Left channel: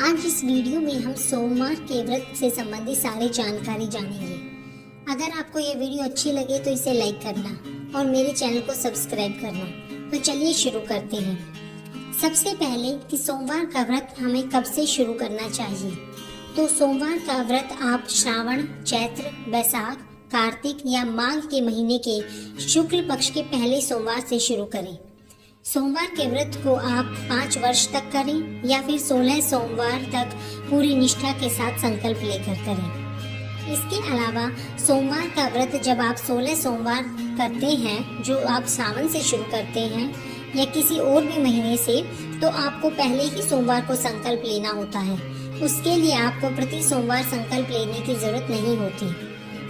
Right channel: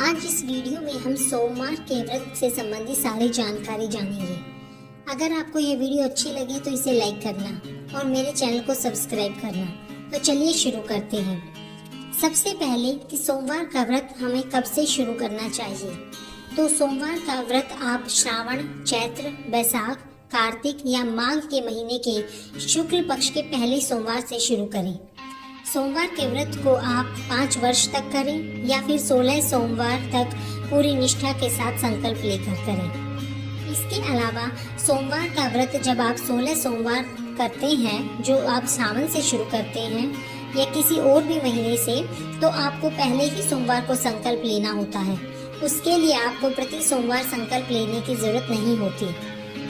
आज इस वीडियो में हम सोमवार के व्रत से संबंधित सारी जानकारी जानेंगे। अगर आपको ये वीडियो अच्छी लगे तो इसे लाइक करना और मेरे चैनल को सब्सक्राइब करना। तो चलिए शुरू करते हैं। सबसे पहले कि सोमवार का व्रत हमें कब से शुरू करना चाहिए। तो सोमवार का व्रत आप श्रावण, चैत्र, बैसाख, कार्तिक या माघ के महीने के शुक्ल पक्ष के पहले सोमवार से शुरू करें। सोमवार के व्रत को आप 5 वर्ष तक करें या फिर 16 सोमवार तक पूरी निष्ठा के साथ संकल्प लेकर करें। इसके अलावा सोमवार का व्रत जब आप 16 सोमवार करते हैं जो आप सावन से शुरू करते हैं या किसी और भी महीने से, तो आपको पहले ही सोमवार को संकल्प लेना होता है। उसके लिए आपको प्रति सोमवार संकल्प लेने की जरूरत नहीं होती।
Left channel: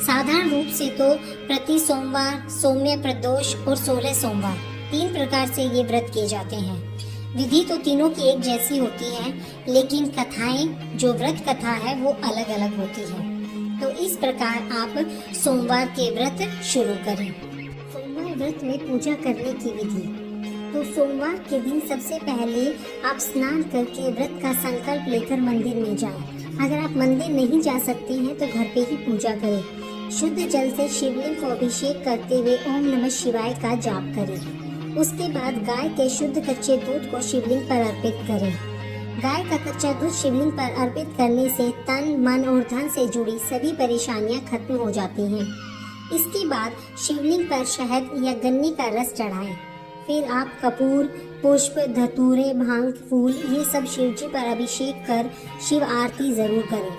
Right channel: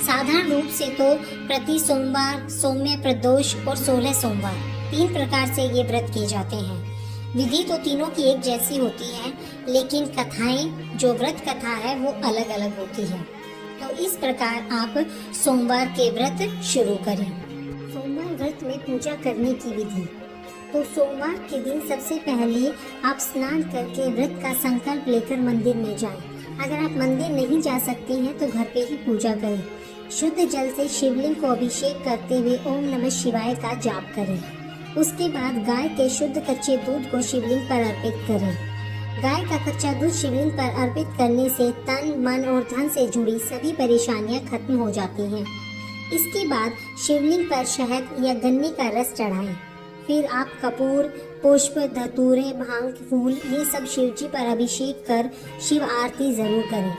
साधारण रूप से तो प्रति सोमवार, सौम्य प्रदोष और 16 सोमवार 3 प्रकार से ये व्रत किए जाते हैं। विधि तो तीनों की एक जैसी होती है, लेकिन कथाएं, जो व्रत कथा है वो अलग अलग होती है। तो इस प्रकार आप सोमवार के व्रत शुरू करें। सोमवार व्रत में पूजा करने की विधि। तो सोमवार के दिन सबसे पहले आप स्नान करके व्रत का संकल्प लेकर मंदिर में जाएं। अगर आप मंदिर नहीं जा सकते हैं तो घर पे ही पूजा करें। शुद्ध जल से शिवलिंग को अभिषेक करते हुए ओम नमः शिवाय का जाप करें। उसके बाद गाय के शुद्ध कच्चे दूध को शिवलिंग पर अर्पित करें। गाय का कच्चा दूध शिवलिंग पर अर्पित करने से तन, मन और धन से जुड़ी सभी परेशानियां खत्म हो जाती हैं। इसके बाद शिवलिंग पर शहद या गन्ने का रस चढ़ाएं। फिर आप कपूर, पुष्प, धतूरे, भांग, फूल ये सब शिव जी पर अभिषेक कर शिव आरती जरूर करें।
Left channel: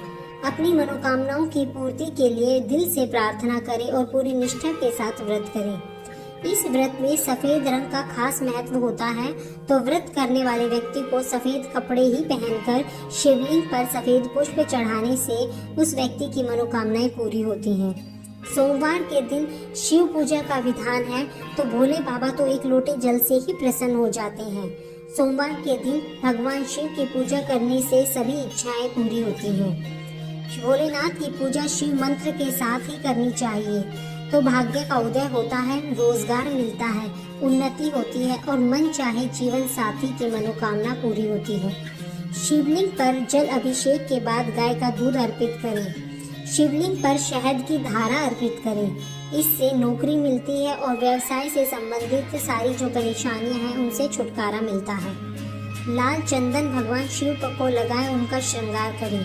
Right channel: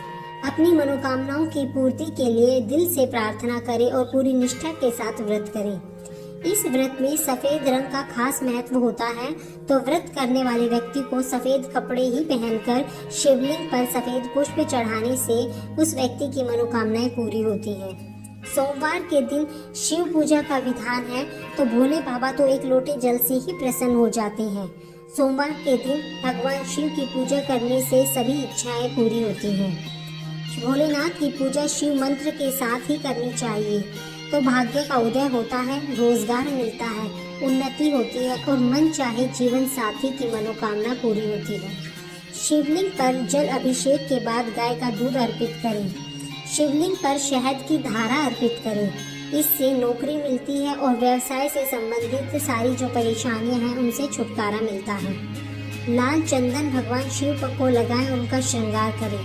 अपनी मनोकामनाओं की पूर्ति के लिए दिल से प्रार्थना करें और पूरी निष्ठा के साथ व्रत करें। इस व्रत में सफेद रंग का खास महत्व होता है, तो व्रत करने वाले व्यक्ति को सफेद कपड़े ही पहनकर शिवलिंग पर सफेद पुष्प चढ़ाने से उस व्यक्ति की मनोकामनाएं पूरी होती हैं। सोमवार के दिन शिव पूजा का विधान है, तो भोले बाबा तो एक लोटे जल से ही प्रसन्न हो जाते हैं। सोमवार के दिन भगवान शिव की पूजा करने से सभी इच्छाएं पूरी होती हैं। भोलेनाथ की पूजा शिव मंत्र के साथ ही करनी चाहिए, तो भाग्य का उदय होता है, रोजगार मिलता है, उन्नति होती है और मन चाहे जीवन साथी की मनोकामना पूरी होती है। शिवलिंग पर जल अभिषेक के बाद गाय का दूध अर्पित करें। शिवलिंग पर शहद की धारा अर्पित करें। इससे नौकरी मिलती है और व्यवसाय से संबंधित सारी जो परेशानियां हैं उनसे छुटकारा मिलता है। लाल चंदन भगवान शिव को लगाए, उनका श्रृंगार करें।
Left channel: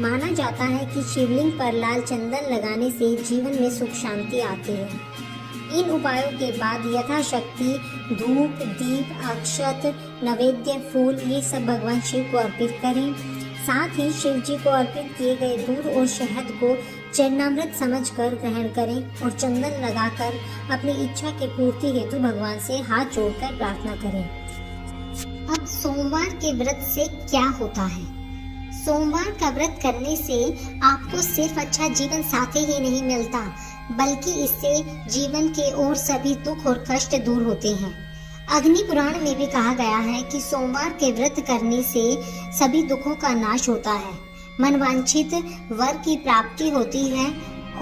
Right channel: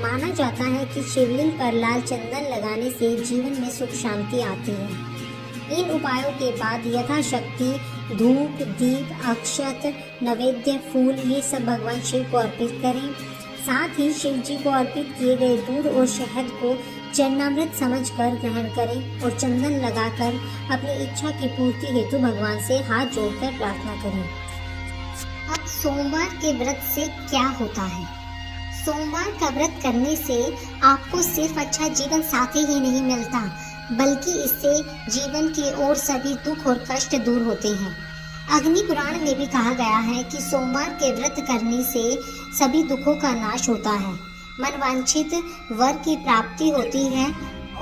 माना जाता है कि शिवलिंग पर लाल चंदन लगाने से जीवन में सुख शांति आती है। इन उपायों के बाद यथाशक्ति धूप, दीप, अक्षत, नैवेद्य, फूल ये सब भगवान शिव को अर्पित करें। साथ ही शिव जी को अर्पित किए गए दूध और शहद को चरणामृत समझकर ग्रहण करें और चंदन लगाकर अपनी इच्छा की पूर्ति हेतु भगवान से हाथ जोड़कर प्रार्थना करें। अब सोमवार के व्रत से क्या होता है। सोमवार का व्रत करने से आपको सिर्फ अच्छा जीवन साथी ही नहीं मिलता, बल्कि इससे जीवन के और सभी दुख और कष्ट दूर होते हैं। अग्नि पुराण में भी कहा गया है कि सोमवार के व्रत करने से सभी दुखों का नाश होता है, मनवांछित वर की प्राप्ति होती है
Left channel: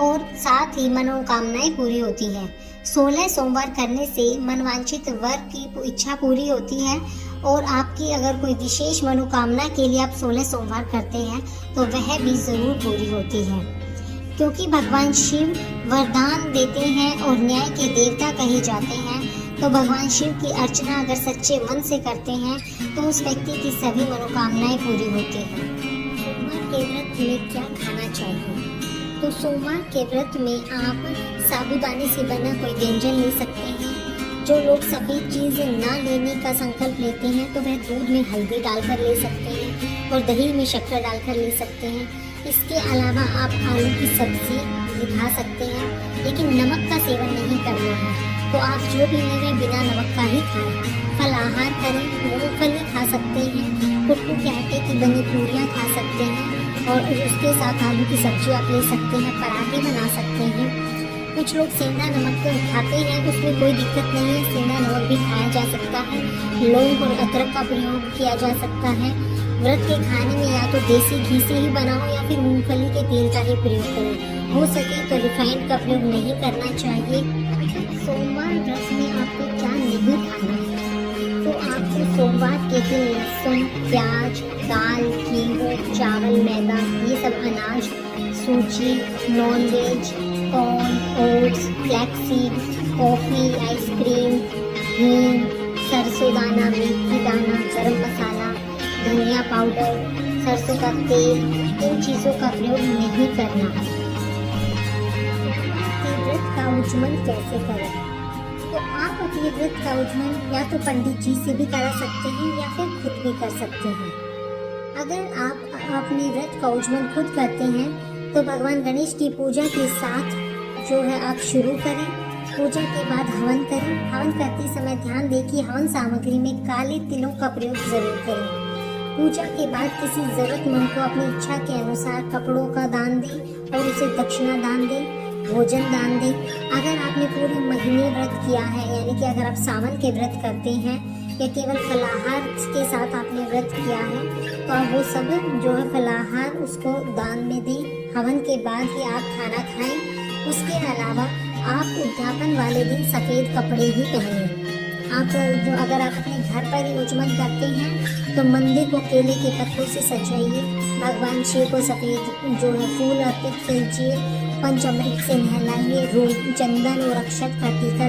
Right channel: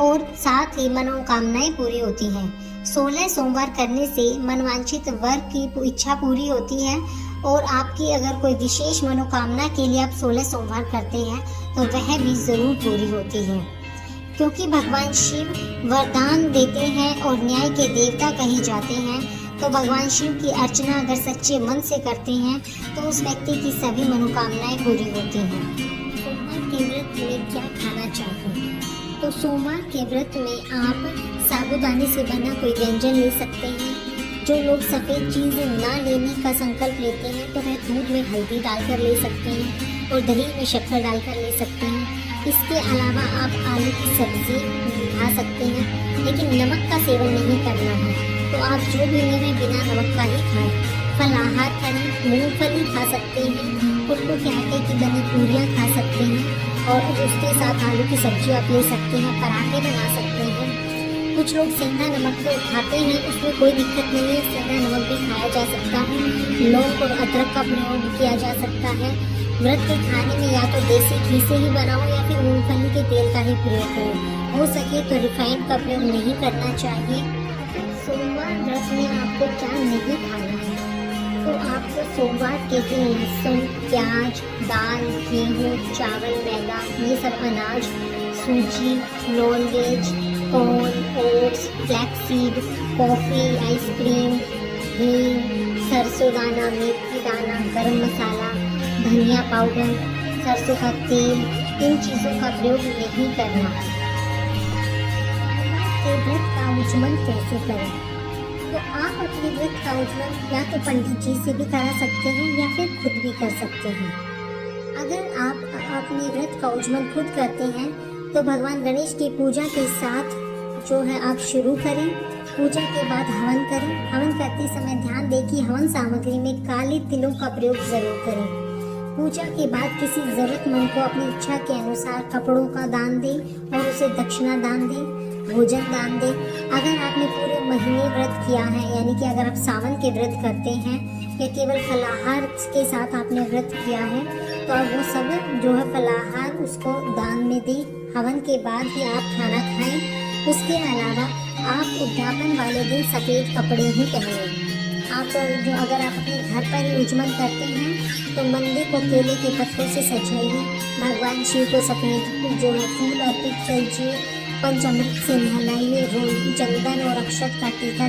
और साथ ही मनोकामनाएं पूरी होती हैं। 16 सोमवार करने से मनवांछित वर की इच्छा पूरी होती है और आपकी अगर कोई विशेष मनोकामना के लिए आप 16 सोमवार करते हैं तो वह भी जरूर पूरी होती है, क्योंकि भगवान शिव वरदान देते हैं और न्याय के देवता कहे जाते हैं। तो भगवान शिव की अर्चना अगर सच्चे मन से करते हैं तो उस व्यक्ति की सभी मनोकामनाएं पूरी होती हैं। सोमवार के व्रत में क्या खाना चाहिए। तो सोमवार के व्रत में आप साबूदाने से बना कोई व्यंजन ले सकते हैं। जो लोग सफ़ेद चीज़ ना लेने का संकल्प लेते हैं तो वह दूध में हल्दी डालकर ले सकते हैं और दही में शक्कर डालकर ले सकते हैं। इसके अलावा आप आलू की सब्जी खा सकते हैं, लेकिन नमक का सेवन नहीं करना है। तो आप जो भी लें बिना नमक का ही खाएं। फलाहार करें, मूंगफली खा सकते हैं, कुटू के आटे की बनी पूरियाँ खा सकते हैं और उसके साथ आलू की सब्जी आप ले सकते हैं, पराठे बना सकते हैं। कुछ लोग सेंधा नमक खाते हैं, उसमें कोई दिक्कत नहीं है, सेंधा नमक भी खाया जा सकता है। लौंग और अदरक का प्रयोग किया जा सकता है। व्रत के खाने में या तो देसी घी से ही बनाओ या फिर मूंगफली के तेल का ही प्रयोग करें। हो सके तो रिफाइंड का प्रयोग नहीं करना चाहिए। सोमवार व्रत में आपको क्या नहीं खाना है। तो आपको सोमवार के दिन लहसुन, प्याज, दाल, गेहूँ, चावल, मैदा, ये सब अनाज, सूजी, nonveg, corn, oats, flaxseed, coffee, ice cream, घी, सरसों दाना, मेथी दाना, गरम मसाला, धनिया पाउडर, सरसों का तेल, इन चीज़ों का प्रयोग नहीं करना। तो व्रत का उच्चमन कैसे करें? तो आप अपने व्रत का उच्चमन या तो पंडित जी से भी करा सकते हैं या फिर खुद भी कर सकते हैं। अगर आप अपने व्रत का उच्चमन खुद करते हैं तो भगवान गणेश की पूजा के साथ जो है आप शुरू करें। पूजा के बाद हवन करें। हवन करते समय ध्यान दें कि हवन सामग्री में काले तिलों का प्रयोग जरूर करें। पूजा के बाद किसी जरूरतमंद को अपनी इच्छा के अनुसार कपड़ों का दान दें और उसे दक्षिणा दान दें, भोजन दान दें। अगर आपने पूरे महीने व्रत किया है, यानी कि अगर आप सावन के व्रत करते हैं या केवल फलाहार के साथ आपने व्रत किया है, तो आप वो सब जो है फलाहार उसको दान में दें। हवन के बाद ही आप खाना खाएं। उसके अलावा आप उद्यापन वाले दिन सफ़ेद कपड़े ही पहनें। आप जो अगर आप अपने घर पर ही उच्चमन करते हैं तो मंदिर को केले के पत्तों से सजाइए। भगवान शिव को सफ़ेद जो है फूल अर्पित कीजिए। पंचामृत से नहलाइए। चंदन और अक्षत का टीका